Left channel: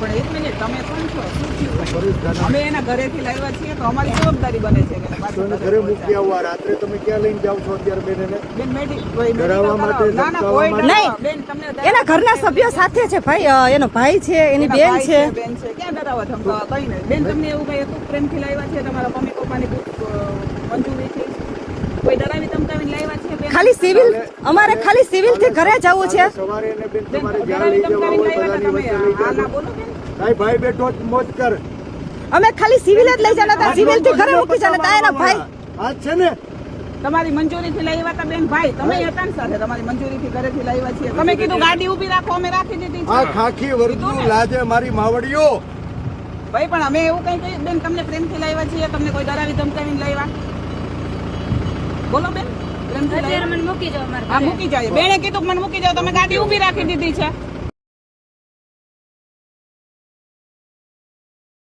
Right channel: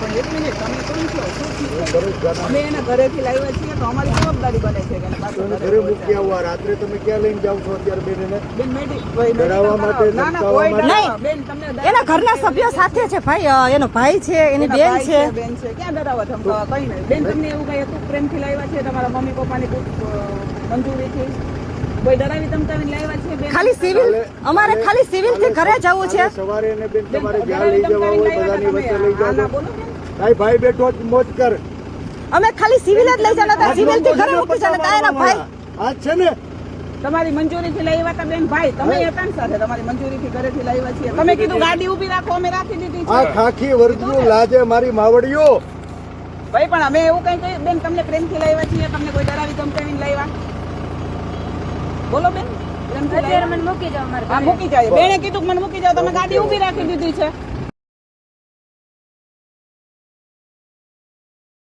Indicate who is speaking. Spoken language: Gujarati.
Speaker 1: પણ એક મિનિટ તમે કોણ છો? શું થયું? અમે એના ઘરેથી લાવ્યા છીએ તો અમારી જવાબદારી બને છે કે એને પાછું
Speaker 2: તો ઘરે મૂકી આવવા રાત્રે તમે ક્યાં લઈને જાવ છો અત્યારે બેન એને
Speaker 1: બેન
Speaker 2: ડરાવવા માટે.
Speaker 1: બેન તમને
Speaker 3: ઘરના સભ્યો સાથે છે ભાઈ એનો ભાઈ છે એની બેન છે.
Speaker 1: બેન છે. ક્યાં ડરાવો છો કઈ નહીં. બેન તમને એવું કઈ ખૂબ પ્રેમથી લાવ્યા છે તમારા મમ્મી પપ્પાની મંજૂરી છે?
Speaker 3: ખાલી સિવિલ અમારે ખાલી સિવિલથી ઘરે જવું છે.
Speaker 2: સવારે બેન તમારે જ્યાં લઈ જવા હોય બધાની વચ્ચે લઈ. ભાઈ ભાઈ બેઠો જ મોજ કર.
Speaker 3: અમે ખાલી સિવિલ જ લઈ જવાના હતા. સિવિલથી ઘરે મૂકી જવાના હતા. એના ભાઈ
Speaker 2: આ છે ને?
Speaker 1: તમારી મંજૂરીથી લઈ આવ્યા બેન ભાઈ. તમે એ સાથે તમારી મંજૂરીથી ઘરેથી લાવ્યા છીએ. તમે કીધું ગાડી ઊભી રાખો અમે રાખી દીધી
Speaker 2: આ ખાખી વર્ગનું લાજે મારી માવડીઓ.
Speaker 1: ભાઈ પણ અમે એવું કઈ કઈ બેન તમને પ્રેમથી લાવ્યા છીએ. તમને કોઈ ડરાવી ધમકાવીને લાવ્યા બોલો બેન. પ્રેમથી લાવ્યા?
Speaker 4: મને મૂકી જાઓ મારા
Speaker 1: મૂકી જાય બેને કીધું મને મૂકી જાઓ. તમે ગાડી ઊભી રાખી દીધી છે.